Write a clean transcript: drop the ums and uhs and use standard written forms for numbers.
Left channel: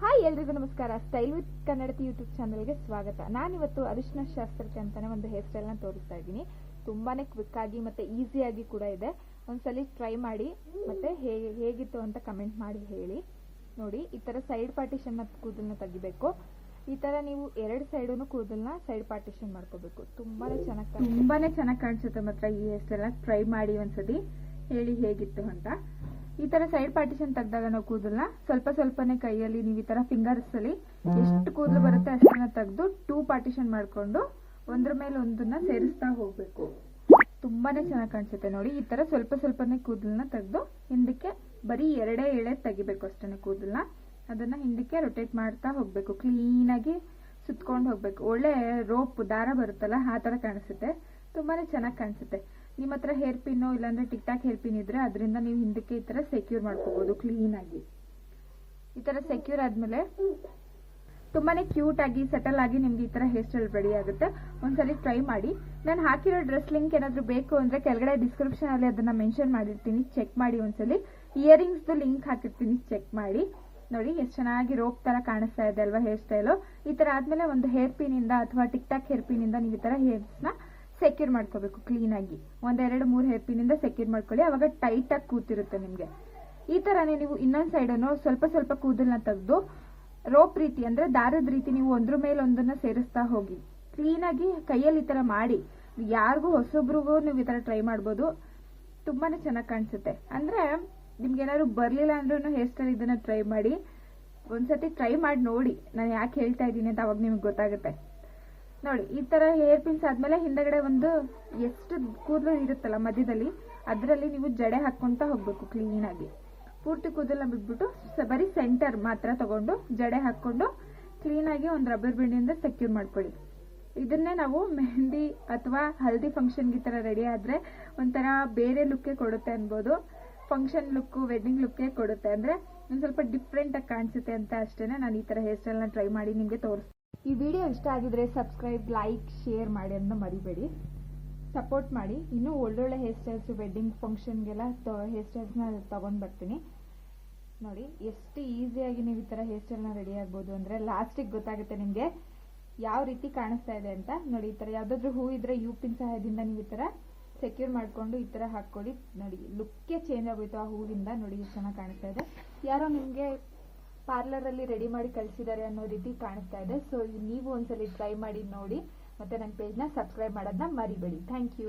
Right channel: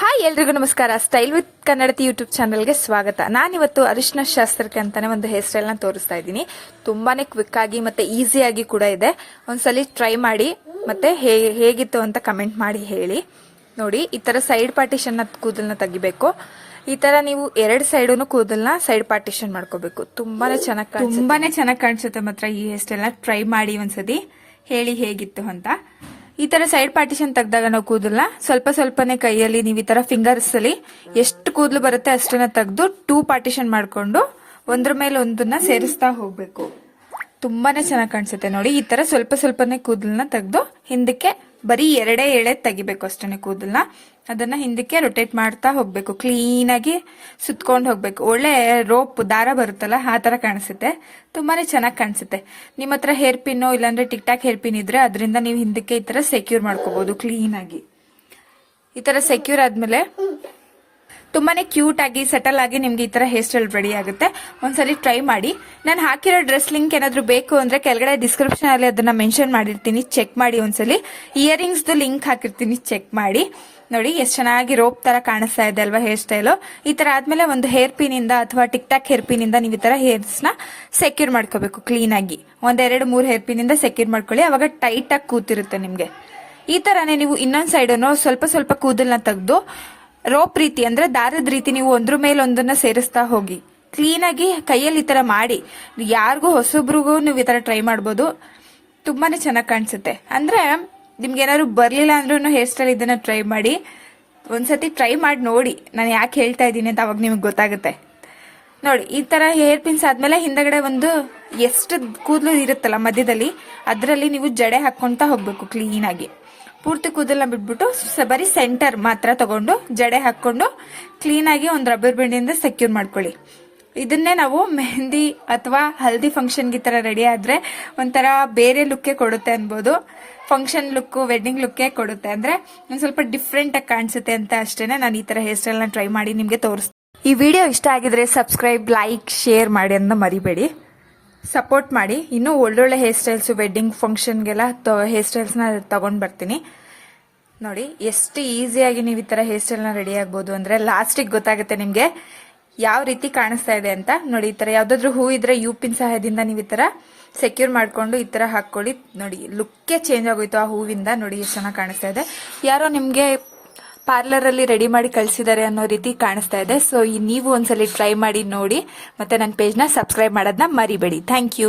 Hi ಎಲ್ರಿಗೂ ನಮಸ್ಕಾರ. Style with Kannadathi YouTube ಚಾನಲ್ಗೆ ಸ್ವಾಗತ. ನಾನಿವತ್ತು ಅರಿಶಿನ ಶಾಸ್ತ್ರಕ್ಕೆ ಅಂತಾನೆ ಒಂದು ಹೇರ್ ಸ್ಟೈಲ್ ನ ತೋರಿಸ್ತಾ ಇದ್ದೀನಿ. ತುಂಬಾನೇ ಕ್ವಿಕ್ ಆಗಿ ಮತ್ತೆ ಈಸಿಯಾಗಿ ಕೂಡ ಇದೆ. ಒಂದ್ಸಲಿ ಟ್ರೈ ಮಾಡಿ ಮತ್ತೆ ಹೇಗಿತ್ತು ಅಂತ ಕಮೆಂಟ್ ಮಾಡಿ ಹೇಳಿ. ನೋಡಿ, ಈ ತರ ಸೈಡ್ ಪಾರ್ಟಿಷನ್ ಕೂದಲನ್ನ ತೆಗಿಬೇಕು. ಈ ತರ ನೀವು ಎರಡು ಸೈಡನ್ನು ಕೂದಲನ್ನ ಸೈಡ್ ಪಾರ್ಟಿಷನ್ ಮಾಡ್ಕೋಬೇಕು. ತುಂಬಾನೇ ಚೆನ್ನಾಗಿ ಕಾಣಿಸುತ್ತೆ. ಮಾತ್ರ ಈ ಹೇರ್ ಸ್ಟೈಲ್ ನ ಟ್ರೈ ಮಾಡಿ ಒಂದ್ಸತಿ, ಹೇಳಿ ಹೇಗಿತ್ತು ಅಂತ. ಈ ತರ ಸೈಡ್ ಪಾರ್ಟಿಷನ್ ತೆಗ್ದಾಗ ನಾವು ಕೂದಲನ್ನ ಸ್ವಲ್ಪನೇ ಕೈಯಲ್ಲಿ ನೀವು ಈ ತರ ಫಿಂಗರ್ಸ್ ಅಲ್ಲಿ ಎಷ್ಟು ಕೂದಲು ಬರುತ್ತೆ ಅಷ್ಟನ್ನ ತೆಗೆದು 2 ಪಾರ್ಟಿಷನ್ ಮಾಡ್ಕೊಂಡು ಒಂದ್ರ ಮೇಲೆ ಒಂದನ್ನ ಸೇರಿಸ್ತಾ ಹೋಗ್ಬೇಕು. ತುಂಬಾನೇ ಚೆನ್ನಾಗಿ ಕಾಣಿಸುತ್ತೆ. ನೋಡಿ, ಈ ತರ ಸ್ವಲ್ಪನೇ ಕೂದಲನ್ನ ತೆಗೆದು ಹಿಂದಕ್ಕೆ ಬರೀ 2 ಎಳೆ ತೆಗಿಬೇಕು ಅಷ್ಟೇ ಕೂದಲನ್ನ. ಅದನ್ನ ಹಿಂದಕ್ಕೆ ರೊಟೇಟ್ ಮಾಡ್ತಾ ಹೋಗ್ಬೇಕು. ಕ್ಲೀನ್ ಆಗಿ ಸುತ್ಕೊಂಡು ಹೋಗ್ಬೇಕು. ಒಳ್ಳೆ ರೋಪ್ ದಾರ ಬರುತ್ತಲ್ಲ, ಆ ತರ ಕಾಣಿಸುತ್ತೆ. ತುಂಬಾನೇ ಚೆನ್ನಾಗಿ ಕಾಣಿಸುತ್ತೆ. ನಿಮ್ಮ ಹತ್ರ ಹೇರ್ ಪಿನ್ ಇಲ್ಲಾಂದ್ರೆ ಟಿಕ್ ಟಾಕ್ ಹೇರ್ ಪಿನ್ ಇದ್ರೆ ಅದರಿಂದ ನೀವು ಹಿಂದಕ್ಕೆ ಈ ತರ ಸೆಕ್ಯೂರ್ ಮಾಡ್ಕೋಬಹುದು ಕ್ಲೀನ್ ಆಗಿ. ಈ ತರ ಸೆಕ್ಯೂರ್ ಆದ್ಮೇಲೆ ತುಂಬಾನೇ ಕ್ಯೂಟ್ ಆಗಿ ಸೆಟಲ್ ಆಗಿ ನಿಮ್ಗೆ ಈ ತರ ಹೇರ್ ಸ್ಟೈಲ್ ರೆಡಿ ಆಗುತ್ತೆ. ಒಂದ್ಸಲಿ ಟ್ರೈ ಮಾಡಿ. ನಾನು ಹಾಕಿರೋ ಡ್ರೆಸ್ ಲಿಂಕ್ ಏನಾದ್ರು ಬೇಕು ಅಂದ್ರೆ ಕೆಳಗಡೆ ಡಿಸ್ಕ್ರಿಪ್ಷನ್ ಅಲ್ಲಿ ಅದನ್ನ ಮೆನ್ಷನ್ ಮಾಡಿರ್ತೀನಿ, ಚೆಕ್ ಮಾಡಿ ಒಂದ್ಸಲಿ. ಇಯರಿಂಗ್ಸ್ ಲಿಂಕ್ ಹಾಕಿರ್ತೀನಿ, ಚೆಕ್ ಮಾಡಿ. ನೋಡಿ, ಎಷ್ಟು ಚೆನ್ನಾಗಿ ರೋಪ್ ತರ ಕಾಣಿಸ್ತಾ ಇದೆ ಅಲ್ವಾ ಹೇರ್ ಸ್ಟೈಲು. ಈ ತರ ಆದ್ಮೇಲೆ ಒಂದು ಹೇರ್ ಪಿನ್ ಇಂದ ಅಥವಾ ಟಿಕ್ ಟಾಕ್ ಹೇರ್ ಪಿನ್ ಇಂದ ನೀವು ಈ ತರ ಹೇರ್ಸ್ ನ ಸೆಕ್ಯೂರ್ ಮಾಡ್ಕೋಬೇಕು ಕ್ಲೀನ್ ಆಗಿ. 1-2-3 ಹೇರ್ ಪಿನ್ ಇಂದ ಸೆಕ್ಯೂರ್ ಮಾಡ್ಕೊಳ್ಳಿ. ಅವಾಗ ಟೈಟ್ ಆಗಿ ಕೂತಿರುತ್ತೆ ನಿಮ್ಗೆ. ಈ ತರಾನೇ ನೀವು ಇನ್ನೊಂದ್ ಸೈಡ್ ಸ್ವಲ್ಪ ಕೂದಲ್ನ ತೆಗೆದು ರೋಪ್ ರೀತಿ ಅಂದ್ರೆ ದಾರದ ರೀತಿ ನೀವು ಒಂದ್ರ ಮೇಲೆ ಒಂದನ್ನ ಸೇರಿಸ್ತಾ ಹೋಗಿ ಕ್ಲೀನ್ ಆಗಿ ಕೈಯಲ್ಲಿ ಈ ತರ ಮಾಡಿ. ಯಾರಿಗೂ ಹೊಸಬ್ರಿಗೂ ನೀವು ಈ ತರ ಟ್ರೈ ಮಾಡ್ಬೋದು. ತುಂಬಾನೇ ಚೆನ್ನಾಗಿ ಕಾಣಿಸುತ್ತೆ. ಅಂದ್ರೆ ನಿಮ್ಗೆ ಏನಾದ್ರು ಬರ್ಲಿಲ್ಲ ಅಂದ್ರೂ ಹೇರ್ ಸ್ಟೈಲ್ ಇದನ್ನ ಟ್ರೈ ಮಾಡಿ. ಒಂದ್ಸತಿ ಟ್ರೈ ಮಾಡಿ ನೋಡಿ ನಾನು ಯಾಕೆ ಹೇಳ್ತಾ ಇದ್ದೀನಿ ಅಂತ, ಅವಾಗ ನಿಮ್ಗೆ ಗೊತ್ತಾಗುತ್ತೆ. ನೋಡಿ, ಈ ತರ ಹೇರ್ ಪಿನ್ಸ್ ಆದ್ಮೇಲೆ ಹಿಂದಗಡೆ ಒಂದು ಎಷ್ಟು ಕೂದಲು ಇರುತ್ತಲ್ಲ ಮಧ್ಯದಲ್ಲಿ, ಅದರಲ್ಲಿ ನೀವು ಜಡೆ ಹಾಕೊಂತ ಹೋಗ್ಬೇಕು ಕ್ಲೀನ್ ಆಗಿ. ಪೂರ್ತಿ ಕೂದಲನ್ನ ಬಿಟ್ಬಿಟ್ಟು ಬರೀ ಸೆಂಟರ್ ಮಾತ್ರ ತಗೊಂಡು ಜಡೆ ಹಾಕೊಂಡು ಕ್ಲೀನ್ ಆಗಿ ಒಂದು ರಬ್ಬರ್ ಬ್ಯಾಂಡಿಂದ ಸೆಕ್ಯೂರ್ ಮಾಡ್ಕೊಳ್ಳಿ. ಇದನ್ನೇ ನಾವು ಮೆಹಂದಿ ಅಥವಾ ಹಲ್ದಿ ಫಂಕ್ಷನ್ಗೆ ಈ ತರ ರೆಡಿ ಆದ್ರೆ ಒಂಥರ ಬೇರೆ ಲುಕ್ಕೇ ಕೊಡುತ್ತೆ ಅನ್ಬೋದು. ಫಂಕ್ಷನ್ ಲುಕ್, ವೆಡ್ಡಿಂಗ್ ಲುಕ್ಕೇ ಕೊಡುತ್ತೆ. ಅಂದ್ರೆ ಒಂದ್ ಸ್ವಲ್ಪ ಡಿಫ್ರೆಂಟ್ ಆಗಿ ಕಾಣಿಸುತ್ತೆ ಅಂತ ಅಷ್ಟೇನೆ ನಾನು ಈ ತರ ಹೇರ್ ಸ್ಟೈಲ್ ನ ಟ್ರೈ ಮಾಡಿ ನಿಮ್ಗೆ ತೋರಿಸ್ತೀನಿ. ಈ ವಿಡಿಯೋ ಇಷ್ಟ ಆಗಿದ್ರೆ ಸಬ್ಸ್ಕ್ರೈಬ್, ಲೈಕ್, ಶೇರ್ ಮಾಡಿ ಅಂತ ಮರಿಬೇಡಿ. ಸಪೋರ್ಟ್ ಮಾಡಿ. ಇನ್ನೂ ಒಳ್ಳೊಳ್ಳೆ ಹೇರ್ ಸ್ಟೈಲ್ಸ್ ವೆಡ್ಡಿಂಗ್ ಫಂಕ್ಷನ್ಗೆಲ್ಲ ಹೇರ್ ಸ್ಟೈಲ್ಸ್ ನ ತಗೊಂಡ್ ಬರ್ತೀನಿ. ನೋಡಿ, ಎಷ್ಟು ಈಸಿಯಾಗಿ ನೀವು ಈ ತರ ಹೇರ್ ಸ್ಟೈಲ್ ನ ರೆಡಿ ಆಗ್ಬೋದು ಅಂದ್ರೆ ಲಾಸ್ಟಿಗೆ ಗೊತ್ತಾಗುತ್ತೆ ನಿಮ್ಗೆ ಯಾವ ರೀತಿ ಕಾಣಿಸ್ತಾ ಇದೆ ಅಂತ. ನೋಡಿ, ಈ ತರ ಯಾವ್ದಾದ್ರು ಹೂ ಇದ್ರೆ ಯು ಪಿನ್ ಸಹಾಯದಿಂದ ನೀವು ಈ ತರ ಸೆಕ್ಯೂರ್ ಮಾಡ್ಕೊಂಡು ಈ ತರ ಹಾಕೊಳ್ಳಿ. ನೋಡಿ, ಲುಕ್ಕೇ ಚೇಂಜ್ ಆಗೋಯ್ತು ಆ ಹೂವಿಂದ. ನೋಡಿ, ಎಷ್ಟು ಚೆನ್ನಾಗಿ ಕಾಣಿಸ್ತಾ ಇದೆ. ಯಾರೋ ನಿಮ್ಗೆ ಪಾರ್ಲರ್ ಅಲ್ಲಿ ರೆಡಿ ಮಾಡಿ ಕಳಿಸಿದ್ದಾರೆ ಅನ್ನೋ ರೀತಿ ಕಾಣಿಸ್ತಾ ಇದೆ. ಸೊ ನೀವು ಒಂದ್ಸಲಿ ಟ್ರೈ ಮಾಡಿ ನೋಡಿ. ಮತ್ತೆ ನನ್ನ ಪೇಜ್ ನ ಸಬ್ಸ್ಕ್ರೈಬ್ ಮಾಡೋದನ್ನ ಮರಿಬೇಡಿ. Thank you.